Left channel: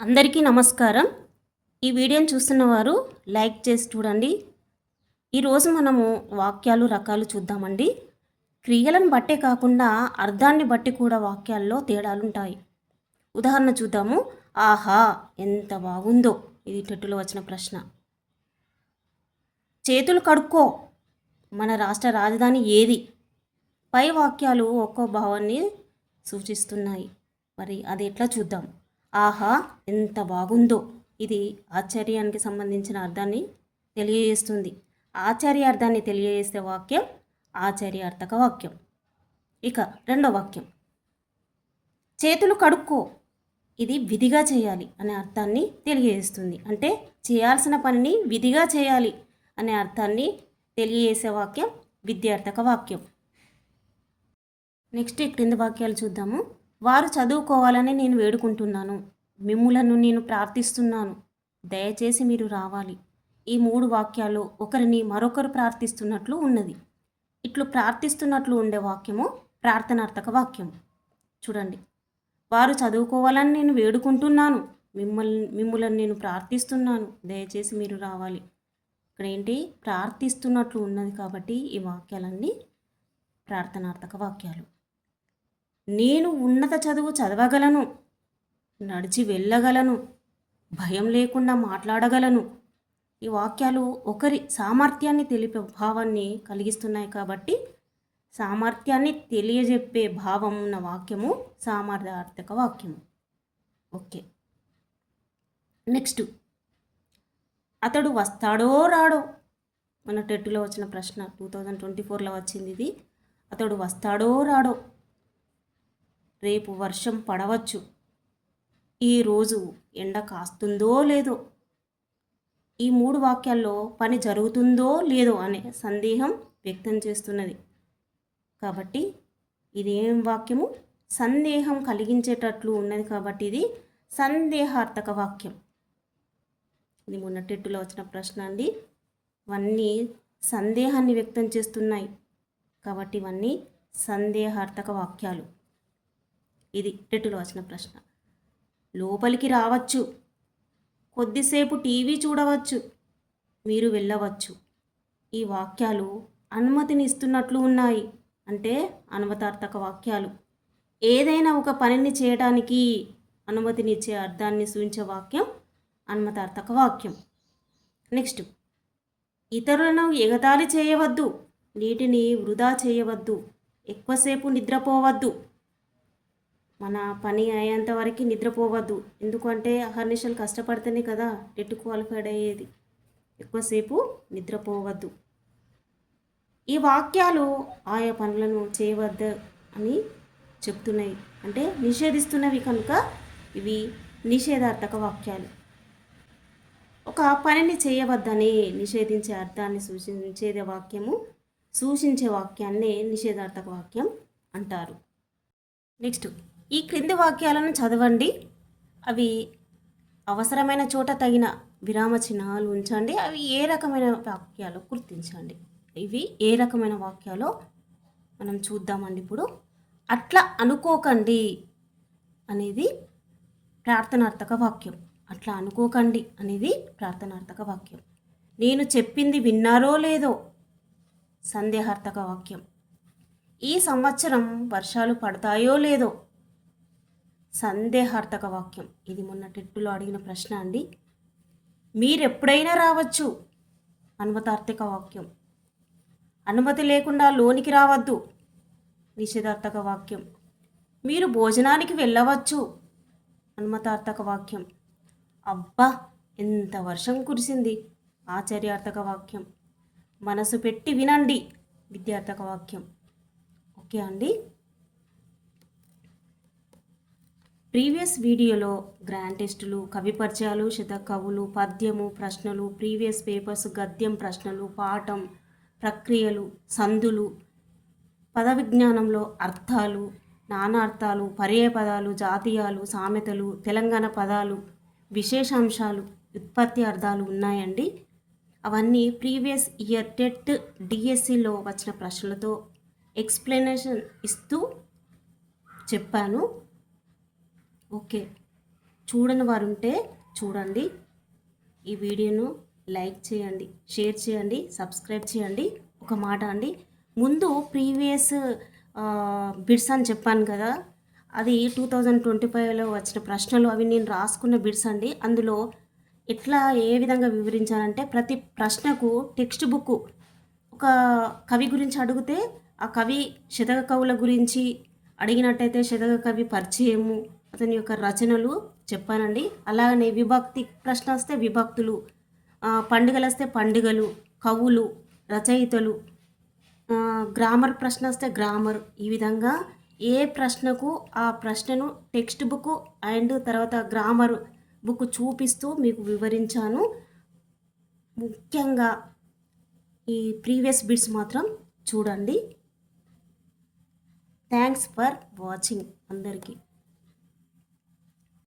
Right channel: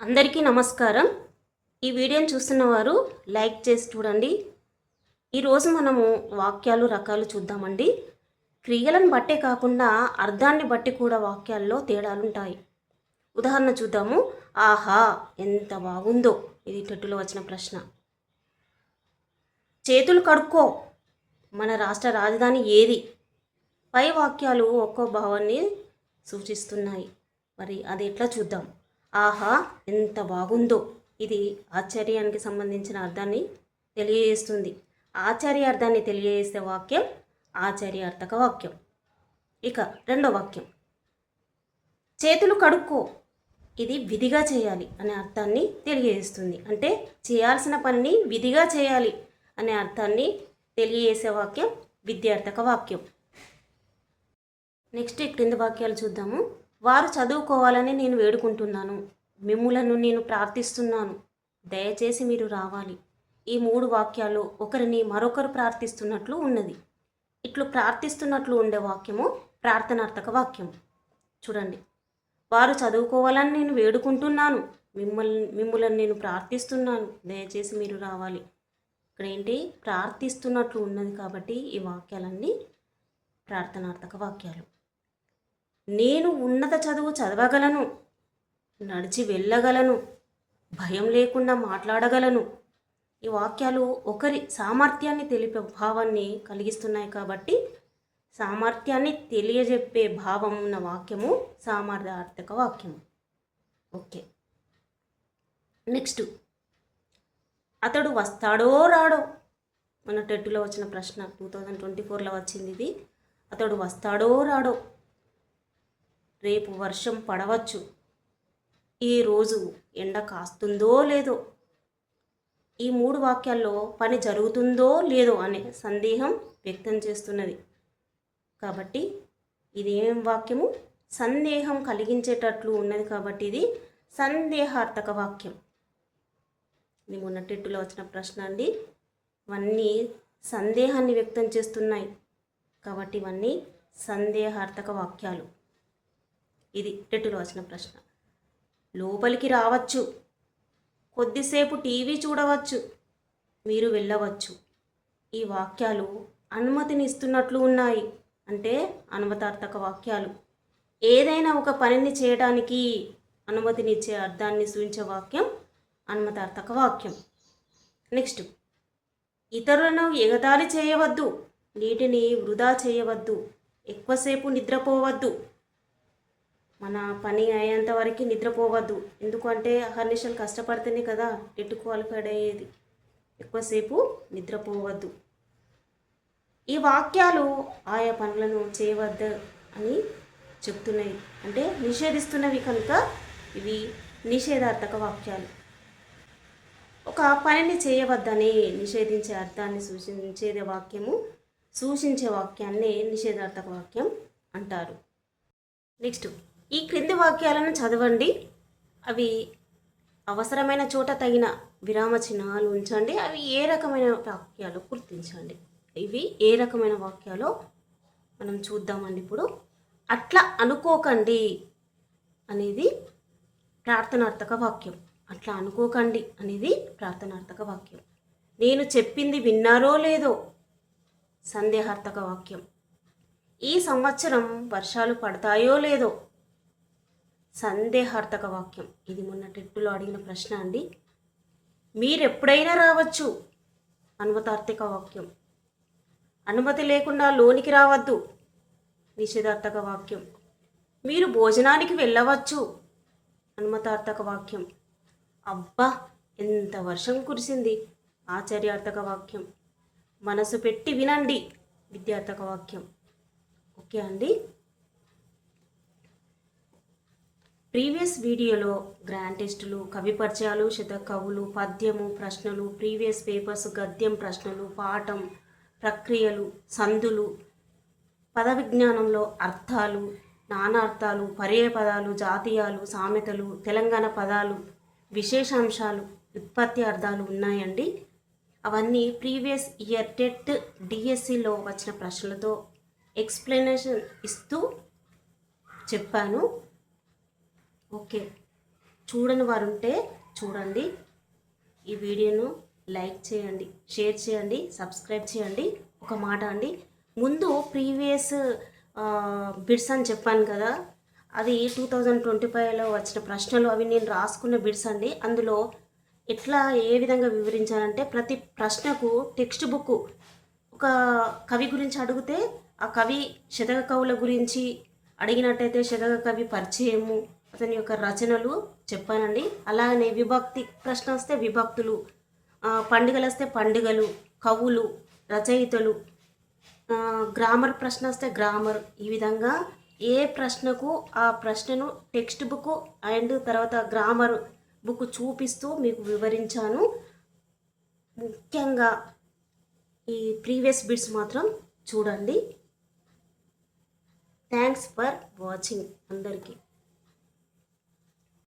అందరికీ నమస్కారం. ఈ వీడియోని చూస్తున్నవారు లైక్ చేసి చూడండి. ఈరోజు మనము వాక్యాలు రకాలు చూద్దామండి. క్రియలను బట్టే కాకుండా అర్థాన్ని బట్టి కూడా వాక్యాల్లో తేడాలుంటాయి. ఉదాహరణ చూద్దాము. ఆహా, ఎంత బాగుందో. ఇది టెట్టులో వచ్చిన ప్రశ్న. చేతులు కడుక్కో, మన రాష్ట్ర రాజధాని ఏది? పై వాక్యాలు ఒక్కో భావాన్ని సూచిస్తున్నాయి. మరి అది ఎట్లా చూద్దాం. ఆహా, ఎంత బాగుందో. ఇది ఆశ్చర్యానికి సంబంధించిన అర్థాన్ని తెలియజేస్తుంది. ఆశ్చర్యార్థాన్ని తెలియజేసే వాక్యం ఆశ్చర్యార్థక వాక్యం. ఇక రెండో వాక్యం, చేతులు కడుక్కో, ఇది విధిగా చేయాలి అనే అర్థాన్ని తెలియజేస్తుంది. అంటే చేయాల్సిన పనిని విధిగా చేయాలి అనే అర్థాన్ని తెలియజేసే వాక్యం విద్యార్థక వాక్యం. నెక్స్ట్ క్రింద వాక్యాలు చూద్దాము. వారు చదువుకోవాలని నేను వేడుకుంటున్నాను, మిమ్ములను నేను ప్రార్థిస్తున్నాను, దయచేసి మీరు రావాలి. ఈ మూడు వాక్యాలు ఒకరిని మరొకరు ప్రార్థిస్తున్నట్లు ఉన్నది. ఇట్లు ప్రార్థిస్తున్నట్లు ఉండే వాక్యము ప్రార్థనార్థక చూడండి. వారు చదువుకోవాలని నేను వేడుకుంటున్నాను, మిమ్ములను నేను ప్రార్థిస్తున్నాను, దయచేసి మీరు రావాలి. ఇక్కడ ఏంటి, ప్రార్థిస్తున్నట్లు ఉన్నది కాబట్టి ఈ వాక్యాలన్నీ ప్రార్థనార్థక వాక్యాలు. నేను ఉన్నత చదువు చదవగలను, నడిచి వెళ్ళగలను, భయం లేకుండా మాట్లాడగలను. ఈ వాక్యాలు ఒకరి సామర్థ్యాన్ని తెలిపే భావాన్ని కలిగిస్తున్నాయి కాబట్టి సామర్థ్యాన్ని తెలియజెప్పే భావం ఉన్న వాక్యము సామర్థ్యార్థక వాక్యము. ఓకే, నెక్స్ట్, అతడు వస్తాడో రాడో. మన టెట్టులో వచ్చిన ప్రశ్న 2024లో వచ్చింది ఇది. అతడు వస్తాడో రాడో. రేపు వర్షం పడవచ్చు, ఈరోజు ఎండ కాస్తుందో లేదో. ఈ మూడు వాక్యాల్లో పని జరుగుతుందో లేదో అనే సందేహం వ్యక్తం చేస్తున్నది కాబట్టి ఇది ఏం వాక్యము, సందేహం కలిగించేటట్లు ఉన్నది కాబట్టి ఇది సందేహార్థక వాక్యం. ఇది మొన్న టెట్టులో వచ్చిన ప్రశ్న అండి. ఇవన్నీ సందేహాన్ని వ్యక్తం చేస్తున్నాయి కాబట్టి ఇవన్నీ సందేహార్థక వాక్యాలు. ఇది టెట్టులో వచ్చిన ప్రశ్న. లోపలికి రావచ్చు, కొద్దిసేపు టీవీ చూడవచ్చు, మీరు వెళ్ళవచ్చు. ఈ వాక్యాలు అనుమతిని ఇస్తున్నట్లు ఉన్నాయి అంటే అనుమతార్థక వాక్యాలు. ఏదైనా ఒక పనిని చేయడానికి అనుమతినిచ్చే అర్థాన్ని సూచించే వాక్యం అనుమతార్థక వాక్యం. నెక్స్ట్, ఇతరులను ఎగతాళి చేయవద్దు, నీటిని వృధా చేయవద్దు, ఎక్కువసేపు నిద్రపోవద్దు. మన పని అయ్యేంత వరకు నిద్రపోవద్దు. ఎందుకంటే అహర్నిశలు కష్టపడితేనే కదా టెట్ క్వాలిఫైడ్ అయ్యేది. ఎక్కువసేపు నిద్రపోవద్దు. ఈ వాక్యాలు ఆయా పనులను చేయవద్దు అని చెప్తున్నాయి, అంటే నిషేధిస్తున్నవి కనుక ఇవి నిషేధార్థక వాక్యాలు. ఒక పనిని చేయవద్దని నిషేధించే అర్థాన్ని సూచించే వాక్యాన్ని నిషేధార్థక వాక్యం అంటారు. నెక్స్ట్, ఈ క్రింది వాక్యాలను చదవండి. అవి అవసరమైన చోట తగిన విరామ చిహ్నాలు ఉంచండి. అవి ఏ రకమైన వాక్యాలు గుర్తించండి. ఇవి ఏ రకమైన వాక్యాలో మనం చూద్దామండి ఇప్పుడు. అట్లా అనుకోకండి అనేది ప్రార్థనార్థక వాక్యం. అట్లా అనుకోకండి అనేది ప్రార్థనార్థక వాక్యం. నేను చెప్పింది విన్నారో లేదో సందేహార్థక వాక్యం. ఈ సంవత్సరం వర్షాలు పడతాయో లేదో సందేహార్థక వాక్యం. ఇది మొన్న టెట్టులో అడిగిన ప్రశ్న అండి. మీరెప్పుడైనా రావచ్చు అనుమతార్థక వాక్యం. అనుమతి లేకుండా లోనికి రావద్దు నిషేధార్థక వాక్యం. మీరు భోజనానికి వెళ్ళవచ్చు అనుమతార్థక వాక్యం. అబ్బా, ఎంత వర్షం కురిసింది ఆశ్చర్యార్థక వాక్యం. మనసు పెట్టి వినండి విద్యార్థక వాక్యం. ఓకే అండి. ప్రీవియస్ వీడియోలో గ్రాండ్ టెస్టులు, కవి పరిచయాలు, శతకవులు, పద్యము, ప్రశ్నలు, ప్రీవియస్ పేపర్స్, గద్యం, ప్రశ్నలు, పాఠం, ప్రక్రియలు, సందులు, పద విజ్ఞానంలో అర్థాలు, నానార్థాలు, పర్యాయ పదాలు, జాతీయాలు, సామెతలు, తెలంగాణ పదాలు, విశేషాంశాలు, ఉత్పత్తి అర్థాలు ఉన్నాయండి. అవన్నీ ప్రీవియస్ ఇయర్ టెట్ డిఎస్సిలో వచ్చిన ప్రశ్నలతో ఎక్స్ప్లెనేషన్ ఇస్తూ చెప్పాను. ఓకే, చూడని వారు ఉంటే చూడండి. ఈ వీడియోను లైక్ చేయండి, షేర్ చేయండి, సబ్స్క్రైబ్ చేయండి. ఒక మాట అండి, ముందు ప్రీవియస్ బిట్స్ అని చెప్పాను కదా, అది 2025లో వచ్చిన ప్రశ్నలు, అవి నేను రాసుకున్న బిట్స్ అండి. అందులో ఎట్లా ఏ విధంగా వివరించాలంటే, ప్రతి ప్రశ్నకు టెక్స్ట్ బుక్, ఒక కవి గురించి అడిగితే ఆ కవి శతక కవుల గురించి అడిగినట్టయితే శతక కవి పరిచయము, అతని యొక్క రచనలు చెప్పానండి. అలానే విభక్తి ప్రశ్న వస్తే విభక్తులు, పండుగలు వస్తే పండుగలు, కవులు, రచయితలు, గ్రామర్ ప్రశ్న వస్తే గ్రామర్. ఈ విధంగా ఏ ప్రశ్నకు ఆ ప్రశ్నను టెక్స్ట్ బుక్ అండ్ తర్వాత గ్రామర్ బుక్ చూపిస్తూ మీకు వివరించాను. ముఖ్యంగా ఈ ప్రీవియస్ బిట్స్ మాత్రం చూడండి. థ్యాంక్స్ ఫర్ వాచింగ్ అందరికీ.